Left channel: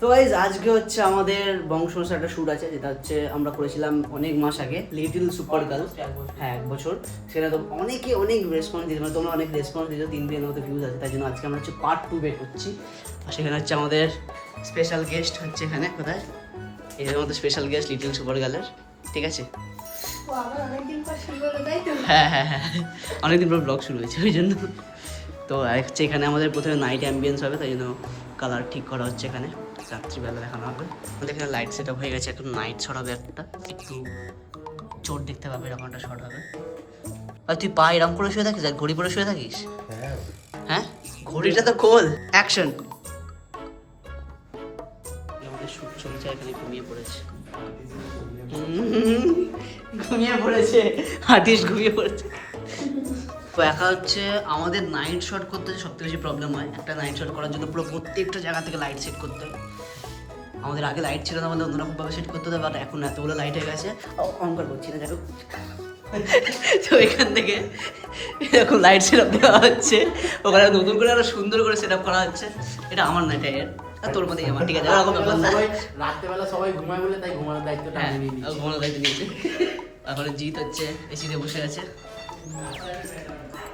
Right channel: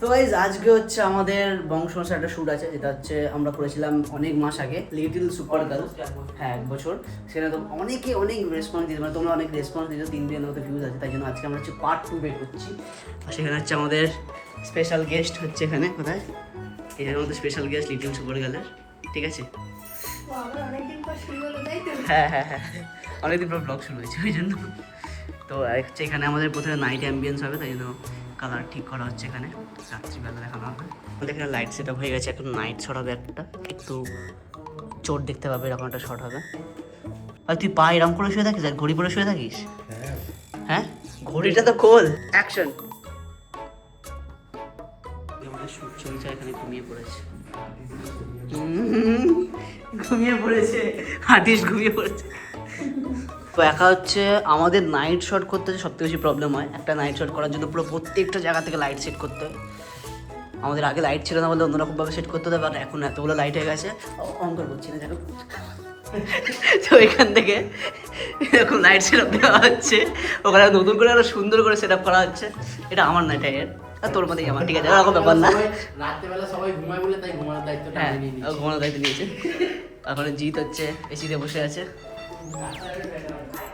তো গাইজ আজকে হচ্ছে আমাদের বংশমশার একটা শ্যুট আছে, যেটা হচ্ছে আমরা করেছিলাম অনেক মাস আগে, লিটল সুপার গার্ল। হ্যাঁ, 1 বছর। সেটা তো অনেক রেসপন্স দিয়েছে, মানে তোমরা অনেক রেসপন্স দিয়েছো, 3 বিলিয়নের মতো ভিউজ আছে। তাই জন্য আজকে আমরা হচ্ছে পার্ট 2 বের করছি। আর সেখানে হচ্ছে আমাদের স্পেশাল গেস্ট হচ্ছে এখানে, কোথায় এখানে আমাদের স্পেশাল গেস্ট লিটল সুপার গার্লের, ঠিক আছে? হ্যাঁ হ্যাঁ হ্যাঁ, অনেকদিন পর ব্লগ শুরু হয়েছে ওই জন্য। তো হচ্ছে এখানে আমাদের প্রথমে নাইট অ্যাম্বিয়েন্স হবে, তাই জন্য কালার ঠিক করা হচ্ছে। এখানে রাত্রিবেলা দেখানো হবে। আমাদের এখানে লাইট সেট আপ হয়ে গেছে, এখন নাইট শট হবে একটা, একটু চোট দেখতে পাবে এরকম একটা শট হবে। আর তুই পা এরকম করে শুয়ে থাকিস আর ঘড়ি পরে শুয়ে থাকিস? হ্যাঁ, ঘড়িটা তো খোল। অ্যাকশন। আমাদের শুট চলছে, এখানে ঘুমিয়ে পড়েছে, ঘুমিয়ে পড়েছে হাতিশ, ঘুমিয়ে পড়েছে। তো একা হচ্ছে আমাদের নাইট শট করতে সবথেকে বেশি প্রবলেম হয়। একটা নাইট শট করার জন্য পুরো প্রত্যেকটা জায়গা থেকে লাইট সেট করতে হয়। আমাদের আগে লাইট ছিল না বলে অন্যরকমভাবে সেট করতে হয়, বাট এখন এতগুলো লাইট হয়ে গেছে, অঙ্কর করছি না যাই হোক। তো এখান থেকে এরকম লাইট সেট আপ দেওয়া হচ্ছে, ওখানে নতুন করে আরো সুন্দর করে সেট আপ করা হচ্ছে। এটা আমার না, এটা এর। আর তোর মধ্যে আমার, ঠিক আছে, এরকম ব্যাপার না। রাত্রেবেলা সবাই ঘুমায় বলে তাই ঘুমানোর দায়িত্বটা হ্যাঁ, আমি নিয়ে ঘুমানোর দায়িত্ব নিয়েছে। এখন জিৎ হচ্ছে এসিতে বসে আছে,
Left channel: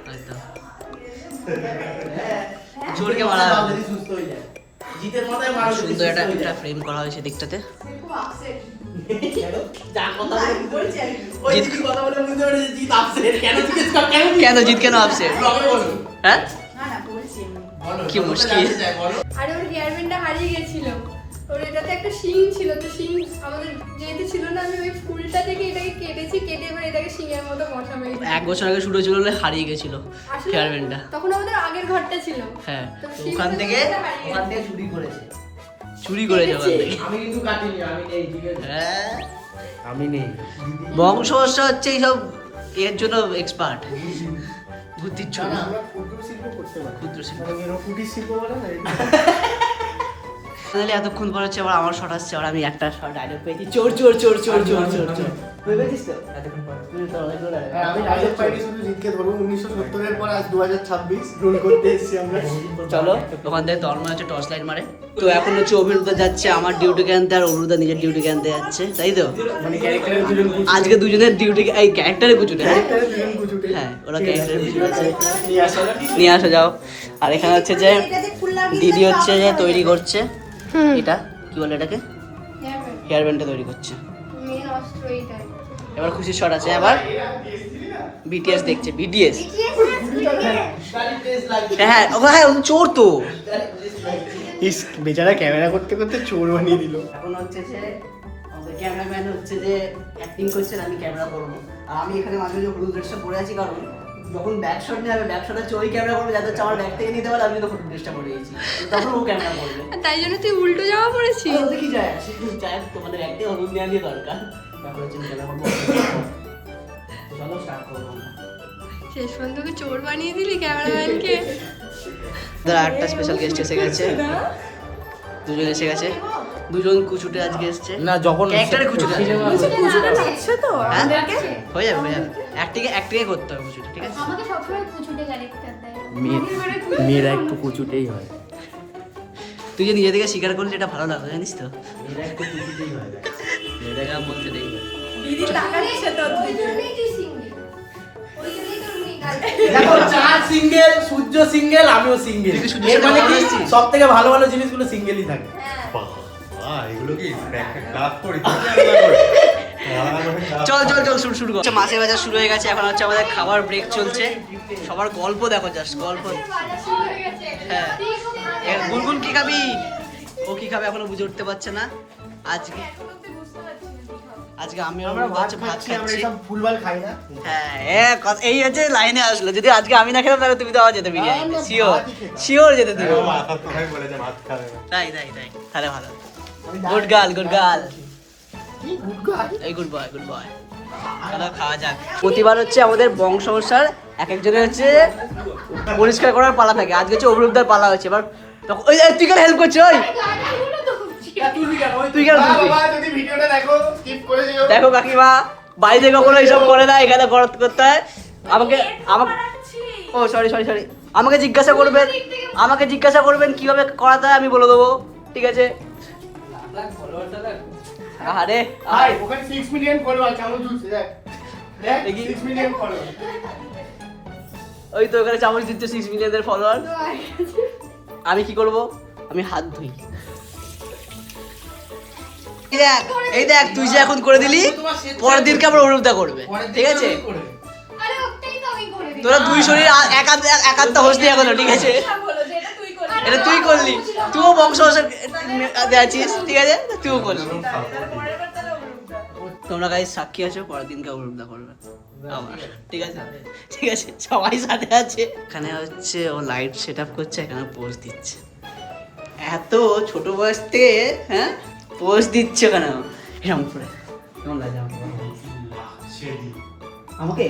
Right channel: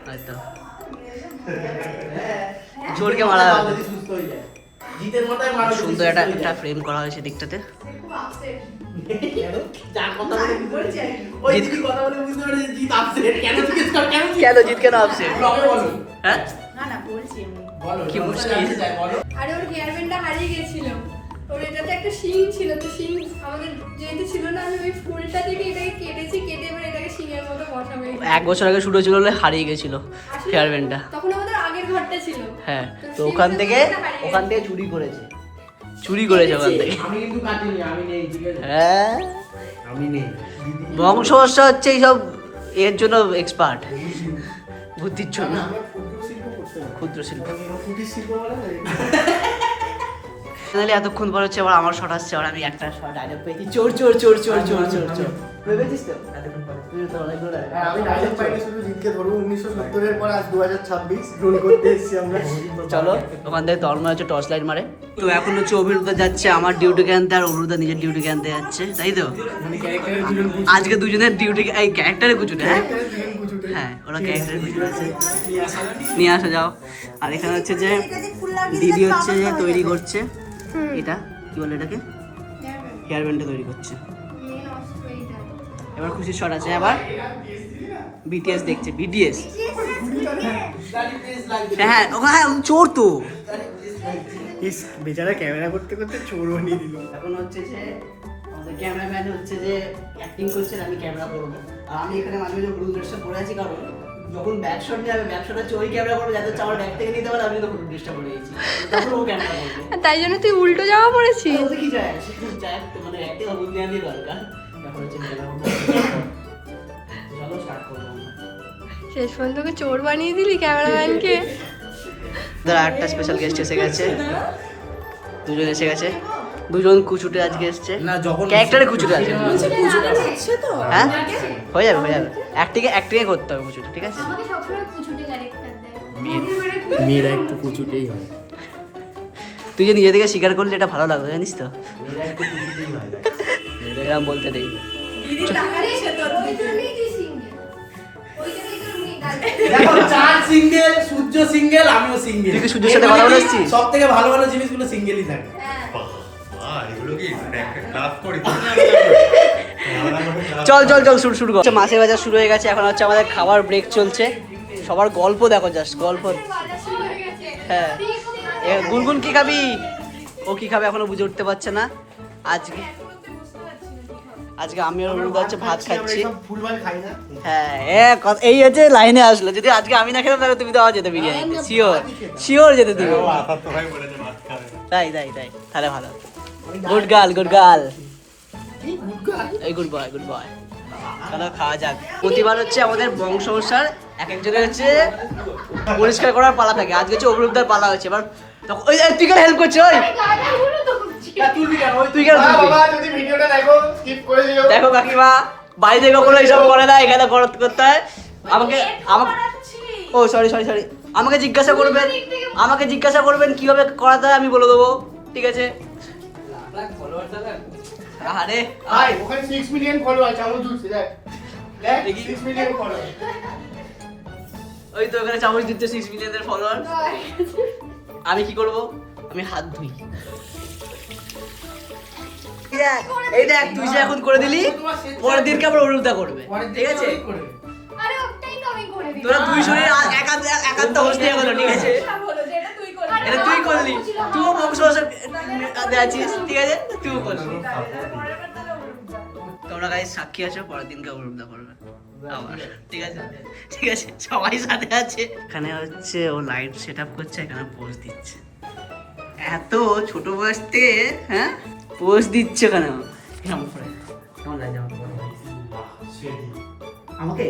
হয়তো জোরকে মারা নিয়েছি। সুস্থ হয়ে যায়। জিতের মাথায় মারা সুন্দর একটা ফ্রেম করা হয়েছে দিকটাতে। যার কথা বলে বুঝতে ওই জিৎ জিৎ কথা বলে বুঝতে পারছি জিৎ আপসেট। কেন জিজ্ঞেস কর, কেন জিৎ? কেন জিৎ কেন আপসেট? ব্লগে বলো। হ্যাঁ, না না বলছি এমনি। বলো, কি বলো, মুশকিল। জানতে চাই, বলো। আরে ওর হেয়ার ব্যান্ডটা হারিয়ে গেছিল, ওর এটাতে একটা শিং ছিল, তো শিং আমাদের যেহেতু ছিল না, আমি ওই ফুলটা থেকে এটাকে কেটেছি, কেটে এবার এটাকে শিঙের মতো বসাবো। 1 বছর আগে শুরু হয়েছিল বলে হারিয়ে গেছিল আসলে হেয়ার ব্যান্ডটা। তখন আমাদের আগের ঘরটা ছিল। হ্যাঁ, তো শিংটা ওখান থেকে হারিয়ে গেছে। চুরি করেছে, চুরি করেছে ওখান থেকে। আমি কিন্তু কাটিনি, আমি নেই, ঠিক আছে? হ্যাঁ, আমি নেই। বংশবর্ষা হচ্ছে এইসব এর জন্য এক্সপার্ট, বুদ্ধির জন্য। না, আমরা ক্ষুদ্র শিল্প করতে পারি। ক্ষুদ্র শিল্প। মানে যেরকম কুটির শিল্প বলে না, ফাইনালি এতক্ষণ পর হচ্ছে আবার আমার শট আসছে, আর আমি একটা শট ডায়লগ পেয়েছি, চোর চোর চোর চোর চোর চোর চোর। ভেবেছিস তো এতক্ষণ পর? তুই তো অনেকগুলো dialogue। হ্যাঁ, আমি ডায়লগ পাইনি, শুধু জিতকে ধরবো। 1970 এর পর আজ 2026 রোল করতে এসেছি আমরা। চলো, ওখান থেকে তন্ময় হচ্ছে টর্চ লাইট মারে। তো এখন হচ্ছে অভিরুদ্ধ যাচ্ছে আমার ডিউটিকে আনতে, আর অভিরুদ্ধ নিজের ডিউটিকে আনতে যাচ্ছে, তাই তো? মানে ক্যারেক্টারের দুজন কুচুটে। আজকে দুজনের ডিউটি, এই ক্যারেক্টারে কুচুটে। হ্যাঁ ক্যারেক্টারের দুজন কুচুটে। হ্যাঁ, ওরা ক্যারেক্টারে কুচুটে আছে। নিয়ে আসা। নিয়ে আসা যাও। আর এখানে হচ্ছে যে দিদি হচ্ছে যে তৈরি করছে, এটা কি বলে এটাকে, হেয়ার ব্যান্ডটা তৈরি করছে। মেন অস্ত্র এইটা। এবার খুশির শট আছে, আবার বিটিএস দেখছে, বিটিএস। হ্যাঁ হ্যাঁ, চোর তো। ইস, বেচারা ক্যামেরা করতে করতে চোর বানিয়ে দিল। এখন হচ্ছে যে আমাদের ক্যামেরাম্যান হচ্ছে যে অ্যাক্টিং করছেন, আমি ক্যামেরা করবো। আর আমি এখানে মাঝে মাঝে হলুদ ড্রেসটা পরে আছি, কারণ যখন ব্যাক শট নিয়ে যাবে, ব্যাক শট হচ্ছে ওই ক্যামেরা করবে যাতে হচ্ছে আমার ব্যাক থেকে নিতে পারে। আমি কিন্তু হলুদ ড্রেসটা পরে গেছি, তখন ও ক্যামেরা করবে। তাই জন্য তুই উল্টো জামা পরেছিস। ওতে কি যায় আসে, যায় তো, মানে ব্যাগ থেকে হলুদ নেওয়া দিয়ে দরকার। তারপর হচ্ছে ক্যামেরা করবো। চলো স্টার্ট করবো আমরা। শেষ পর্যন্ত ওকে চোর বানিয়ে দিলি ক্যামেরাম্যানকে। একটা স্পেশাল গেস্ট এসে গেছে, দুজন এসে গেছে, দুজন কুচুটে আজকে এসছে। না, যখন ক্যারেক্টারে কুচুটে আছে। কুচুটা লাগছে তো হ্যাঁ, হয়ে যাবে হয়ে যাবে, অ্যাক্টিংয়ে করতে হবে কুচুটে, ঠিক আছে? আমাকে সবসময় কুচুটে ক্যারেক্টার দেয়। মেয়েরা একটু কুচুটেই হয়। তুই যে নিজে থেকে স্বীকার করলি, এটা ভালো লাগলো, জানিস তো? মেয়েরা একটু কুচুটেই হয়। এরকম বলতে নেই। দিদি টাকা দিয়েছে তোর। ওই জন্যই তুই সিঙ্গেল। ওই জন্যই তোর মেয়ে গার্লফ্রেন্ড। দেখো, চাঁদ সিঙ্গেল, সূর্য সিঙ্গেল, আমিও সিঙ্গেল। তুই কি সূর্যের সাথে কথা বলেছিস? সব থেকে ভালো ভালো জিনিসগুলো সিঙ্গেলই থাকে। চল চল চল, শুরু কর। মাছের বাজার শুরু হয়ে গেছে, এখন হচ্ছে আমাদের খাবার ব্রেক চলছে। সবার গল্প দেখো, জাস্ট গল্প। হ্যাঁ, গুনগুন কি খাবি? ও কি খাবে এখনো বুঝে উঠতে পারছে না। আজকে আমি আর অরুণ হচ্ছে ভাত খাচ্ছি। ফুলবাল খাই না। হ্যাঁ, এই হচ্ছে লাইনে আসলো। যদি আজকে আমি না খেতাম তাহলে তুমি তো আবার যেতে বিরিয়ানিতে, শিওর শিওর যেতে তুমি। তাই তাই তাই, তাহলে ভালো। গুড গার্ল, গুড গার্ল, এই গুড বয়, গুড বয়। চলো খাওয়া যাক। প্রতিবার হচ্ছে আমাদের বংশবর্ষার এক একজনের হচ্ছে পরিষ্কার করার পালা থাকে। আজকে হচ্ছে অভিরুদ্ধার পালা হচ্ছে। এবার ওই তুই কেন হেল্প করছিস? ওই তুই কেন তুলবি? দেখো কাকিমা, বাড়িতে কখনো এইসব করে না, এখানে করতে হয়। আমাকে ও সরি সরি সরি, আমাকে জিজ্ঞাসা করবেন কিভাবে করাতে হয়, আমি বলে দেবো, ঠিক আছে? আরে ভাই ওখানে 6 মিলিয়ন ফলোয়ার চালু জুড়ছে দেখ দেখ দেখি। 6 মিলিয়ন ফলোয়ার ওই তো ওখানে চামচ দিচ্ছে 6 মিলিয়নের ফলোয়ার। আমি কি করব? আমি হাত ধুই। এই দেখ তুই যে এখন করে দিলি, পরের দিনকে আবার অনুরূপটা করবে, ঠিক আছে? আরে ওটাই তো আমি করে দিই। তোরা দুই শরীর একান্ত হোস দিয়ে গেলো, ঠিক আছে? এটা তুই করলি, তুইও বংশ আছিস, ঠিক আছে? তুইও করলি। তোমরা গাইস সাক্ষী আছো, পরের দিনকে অনুরূপটা করবে আমার, ঠিক আছে? ঠিক আছে, সবাই সাথে আছে। এখানে হচ্ছে ও লাইট সেট আপ করছে, এখানে পোজ দিচ্ছে। এত ছোট বয়সতে হ্যাঁ পোজ দিচ্ছে কেন এরকম করে? কেমন লাগে আমাকে? আমাকে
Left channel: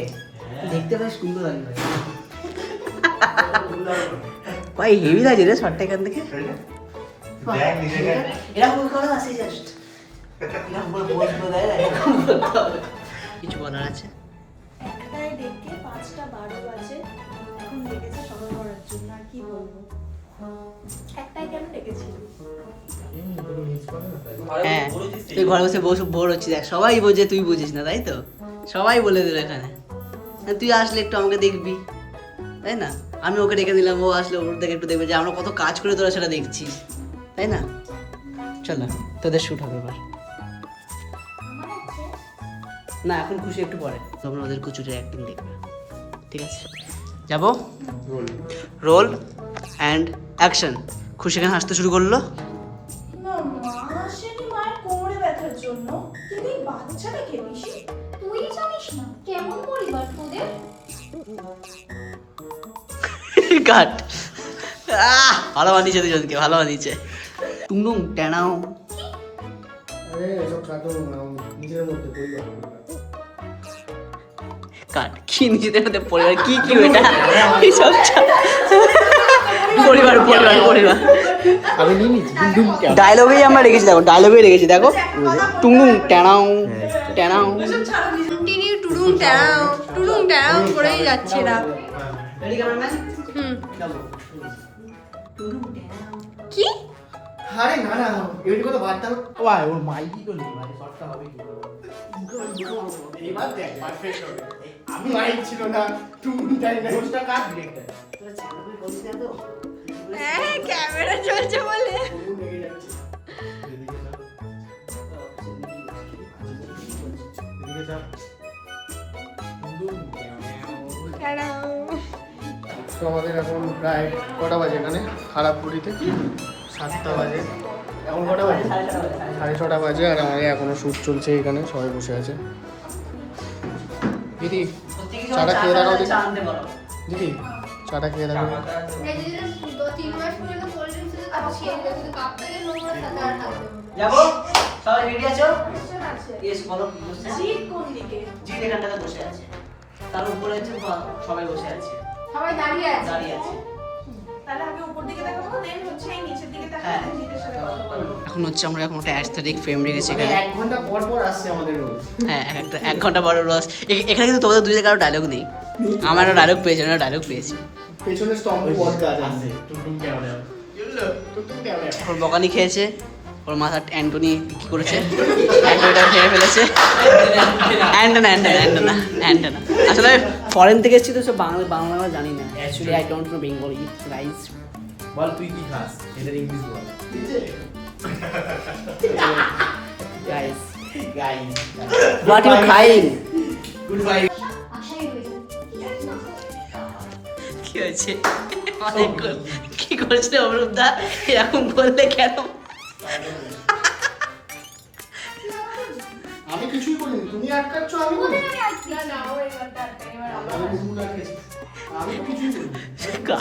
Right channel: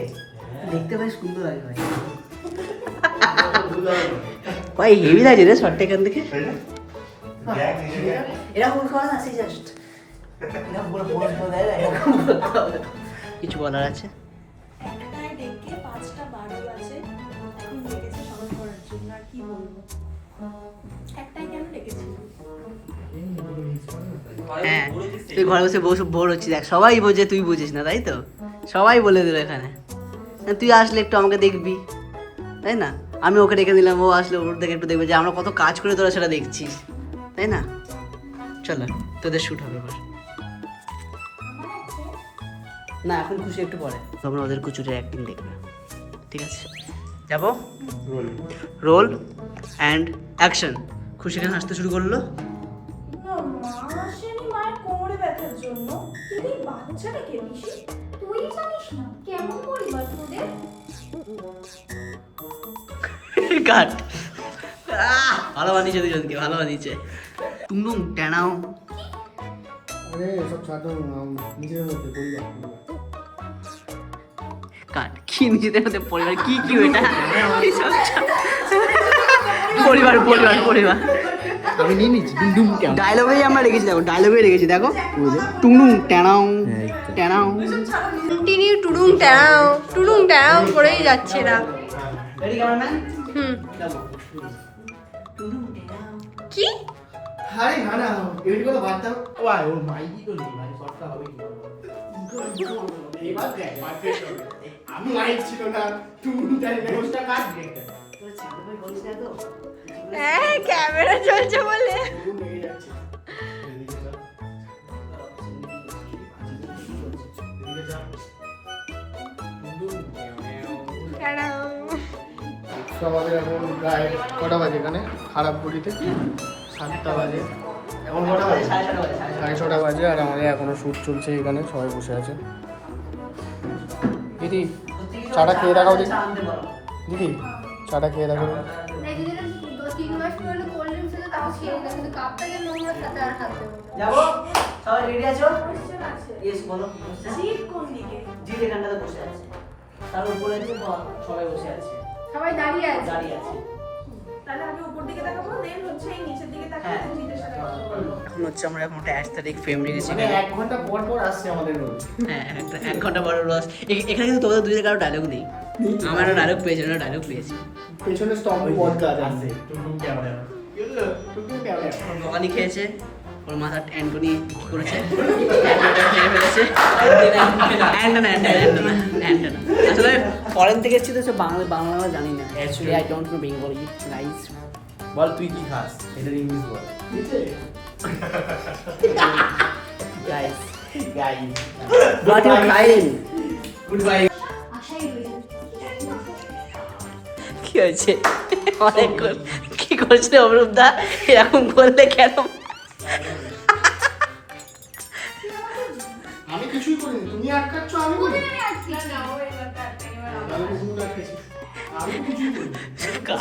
দেখতে বেশ সুন্দর লাগে ভাই। ভাই হেভি লাগে রে শর্টটা এখান থেকে। এরকম করে আসি জাস্ট এরকম করে পোজ করে দেয়, এরকম করতে হবে। কিছু বলার আছে? একটাই ডেকে 5টা 12 বাজে এখন ডেকেছে সবাই করার জন্য, আর কি বলবো, একটাই কেন ডেকেছিল? হ্যাঁ তুই ঘরে বসে বোর হচ্ছিস, দেখ সবাই বোঝে, তুই বুঝিস না তাই তো? সবাই বলে দিল এখানে। তুই আসলে একটু আমাকে দেখবি, তাই না? আমি ওকে ডেকে দিলাম, ও আসলে ওর দেখে একটু দেখবে যে আমরা কত কাজ করে তোরা সেটা দেখছিস, তাই না? চল না তোদের শ্যুট হবে এবার। না এখন খুশি, একটু পরে তোমরা ওদের কুচুরের অ্যাক্টিং দেখবে, ঠিক আছে? যাবো, রোল অ্যান্ড অ্যাকশন। খুশি এখানে হাসতে শুরু করলো। না মা আসেনি মায়ের কোমরে ব্যথার জন্য, কিন্তু এই বাচ্চাটা কে পিসি? তুই জানিস না কেমন পরিবার তোদের? কাট। ভালো বানিয়েছে দুজনকে, ভালো বানিয়েছে। টুংটুং টানাও। আরে এসব কাটো নিজের মধ্যে পরিবার কাট। কি নিজেদের মধ্যে পরিবার? কি কি এটা? কি সব পরিবার পরিবার পরিবার আমি নিয়ে নিচ্ছি ডুম কেন ডায়লগেই আমরা রেখেছি, দেখো ডায়লগেই রেখেছি, দেখো টুংটুং টানাও টানাও। কন্টিনিউ টুডুং টাও করেই যাচ্ছে না। হুম কি? আরে না না এগুলি কথা বার্তা ওয়াই ওর মাইকি তো নেই মানে শর্টটা হবে কি এবার দেখ পারফেক্ট হবে। আমি লাইট ছিল না তুমি তাই না ওটা কাট দিতে হ্যাঁ ক্যামেরা চলছে বলে। লেগে যাচ্ছে এদিকে যা এদিকে যা তো আমাদের এখন প্রায় কটা বাজে এখানে খারাপ ঘড়িতে 7টা বাজে। এখন কটা বাজে? 6:30 বাজে। আর আমাদের এখনো শ্যুট চলছে, এখানে সবাই বসে আছে। দিদি চাটা খেয়ে দেখাও দিদি, দিদি চাটা খেয়ে দেখাও। এই যে 3 মাস পুরনো কোল্ড ড্রিঙ্কস আছে তাও খেয়ে দিলাম, কিন্তু কাপটাকে নোংরা সাথে আর হাত দেবো না। যাবো, সবাই রেডি আছো? আছে ইয়েস বলো। জিৎ কোন দিকে? জিৎ এখানটাতে বসে আছে, তার উপরে আছে সবাই বসে আছে, সবাই দাঁড়িয়ে আছে। দাঁড়িয়ে আছে। তাহলে আমি উপর দিকে দেখাবো, দেন হচ্ছে এই নিচের দিকে হ্যাঁ। তাকাবো, জিজ্ঞেস করবো। এখন হচ্ছে আমরা এখন একটা অ্যাস্থেটিক ফ্রেম রেখেছি এখানে। 1 ঘন্টা পর পর আসছে আমাদের রোজ। হ্যাঁ একটা 1 ঘন্টা বড় রস। এখানে কিন্তু তোমাদের দুজনের কারো ডায়লগ নেই। আমার একটা ডায়লগ পেয়েছি, একটা ডায়লগ পেয়েছি। পেছনে স্তম্ভ পডকাস্ট আছে টুনটুন ক্যামেরা টুনটুন ক্যামেরা ওর বকানি খেয়েছে, ওর মাথা অ্যান্টনি কি করেছে, অ্যান্টনিটা খেয়ে ফেলেছে। অ্যান্টনা অ্যান্টনা অ্যান্টনা অ্যান্টনা আসলে ফরেন থেকে এসেছি তো সব বাংলা আমরা জানি না। Actually I don't know Bengali guys. বল তুই কি খাস, এটা ইংলিশ বল। গাইস গাইস হোয়াট ইউ খাইং? Good bye. আশাই হয়ে কি হয়েছে? অনেক কি করছে অমরূপদা? এরকম করলে কেন? আমি কিছুই করিনি, তুমি আটকাচ্ছ। আমি বলি না না ও এবারটা এবার আমি তো কিছুই করিনি।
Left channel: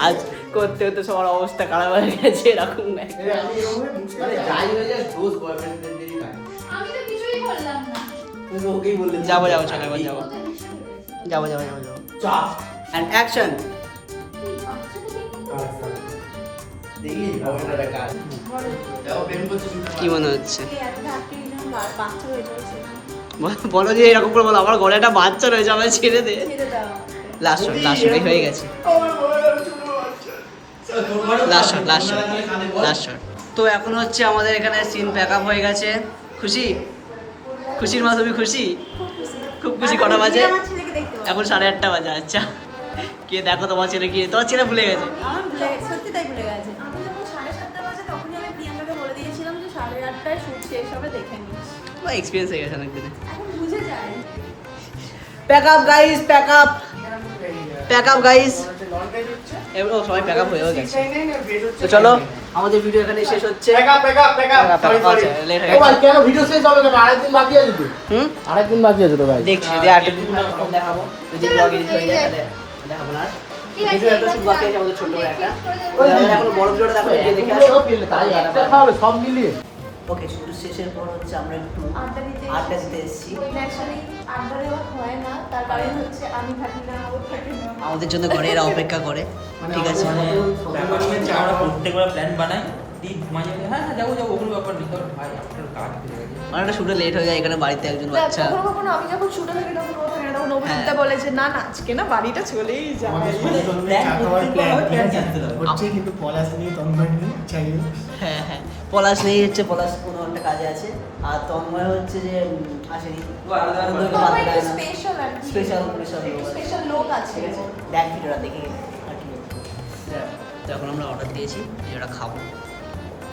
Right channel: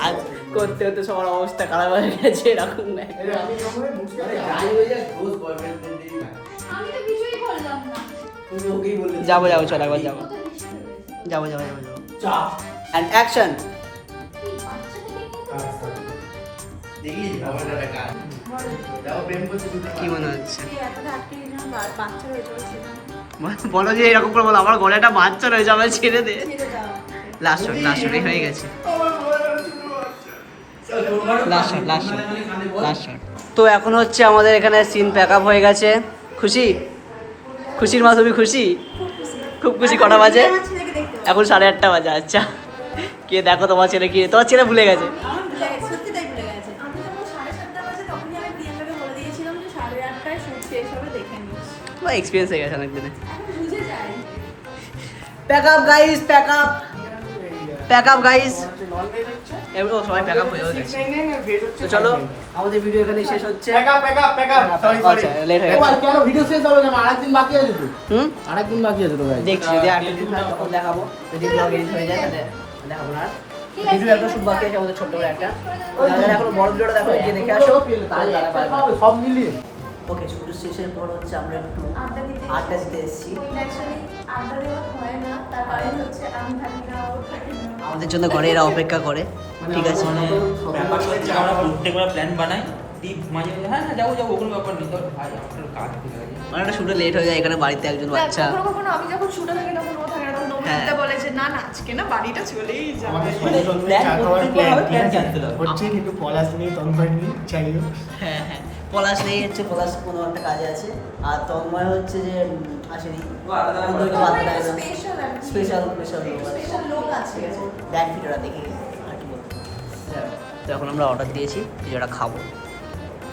কাজ করতে করতে সবার অবস্থা খারাপ হয়ে গেছে এরকম না। আমি এরকম বুঝতে আরে গাই হয়ে যায় রোজ বয়ফ্রেন্ড ফ্রেন্ডেরই না। আমি তো কিছুই করলাম না। তুমি ওকেই বললে যাবো যাবো চল একবার যাবো যাবো যাবো যাবো যাবো। চাপ অ্যান্ড অ্যাকশন। দেখলি বাবুটা বেকার। দাও প্রেম করতে শুরু কি মনে হচ্ছে? এই এতটা আটকে দিলাম, বাচ্চা হয়ে যাচ্ছে না, বলো যে এরকম করে বলো, আমার ঘরে একটা বাচ্চা রয়েছে, আমার ছেড়ে দে। ছেড়ে দাও। লাস্ট শট হয়ে গেছে। Last shot last shot last shot. তো এখন হচ্ছে আমাদের এখানে সিন প্যাক আপ হয়ে গেছে। খুশি? খুশির মা তুমি খুশি? খুব খুশি। কটা বাজে? আমার ছেলেকে দেখতে পাবো। এখন 8:30 বাজে। আচ্ছা, কে দেখো তোমার ছেলে কি, তোমার ছেলে ভুলে গেছে। আমার ভুলে গেছে, সত্যি তাই ভুলে গেছে। আমি যখন 7:30 বাজে তখনই আমি প্রিয়াঙ্কাকে বলে দিয়েছিলাম যে 8:30টায় শুট শেষ হবে, দেখে নিস। তোমার এক্সপিরিয়েন্স হয়ে গেছে অনেক দিনে। এখন বুঝে যায়। Pack up guys, pack up, pack up guys. ও সবাই প্যাক আপ হয়েও গেছে। তো চলো, আমাদের ভিডিও এখানে শেষ হচ্ছে। আচ্ছা, লেট হয়ে গেছে। কেন ভিডিও শেষ হবে কেন? আরেকদিন বাকি আছে তো। হুম, আরেকদিন বাকি আছে তো ভাই। দেখছি যদি আর দিন হয় তখন দেখাবো। যদি ব্লগ এডিট হয়ে যায় তাহলে দেখাবো না। ভিডিও একটা শুট বাকি আছে আমাদের ছোট্ট করে একটা। যারা এখনো বড় ভিডিওটা দেখো, গিয়ে দেখে আসো। সব মিলিয়ে ওকে, শুট শেষের পর হচ্ছে আমরা একটু আড্ডা দিতে এসেছি। ন্যাচারালি আড্ডা দেওয়া হয় না, তার কারণ হচ্ছে আমি থাকি না, ও থাকে না। আমাদের জন্য ঘরে এরা অপেক্ষা করে। ঠিক আছে, আমরা প্রত্যেকবার প্ল্যান বানাই দিই মাঝে মাঝে, হ্যাঁ হ্যাঁ যাবো যাবো, ওগুলো ব্যাপার নেই। তবে ভাই আমার কাজ হয়ে গেছে। মানে একটা শুটে লেট হয়ে যায় এখানে, বাড়িতে একজন বাচ্চা। কখনো কখনো আমি যখন শুটে থাকি তখন ও থাকে না, তখন ও হ্যাঁ। উল্টা বলে যে না না আজকে না বাড়িটা চলেই যাবে। আমাদের সঙ্গে সঙ্গে চা খাওয়ার প্ল্যান ঠিক আছে হচ্ছে, কিন্তু পলাশ নেই, তন্ময় নেই, চাই হোক। হ্যাঁ হ্যাঁ, পলাশ নেই হচ্ছে, পলাশ কোনো একটা কাজে আছে। আর তন্ময় হচ্ছে যে আসেনি, ওদেরকে বাদ দেয় না। স্পেশাল লোক আছে। স্পেশাল লোক আছে। দেখ ভিডিওটা দেখে আর কি বলবো। তো এখন আমরা অর্ডার দিয়েছি, ভিডিওটা খাবো।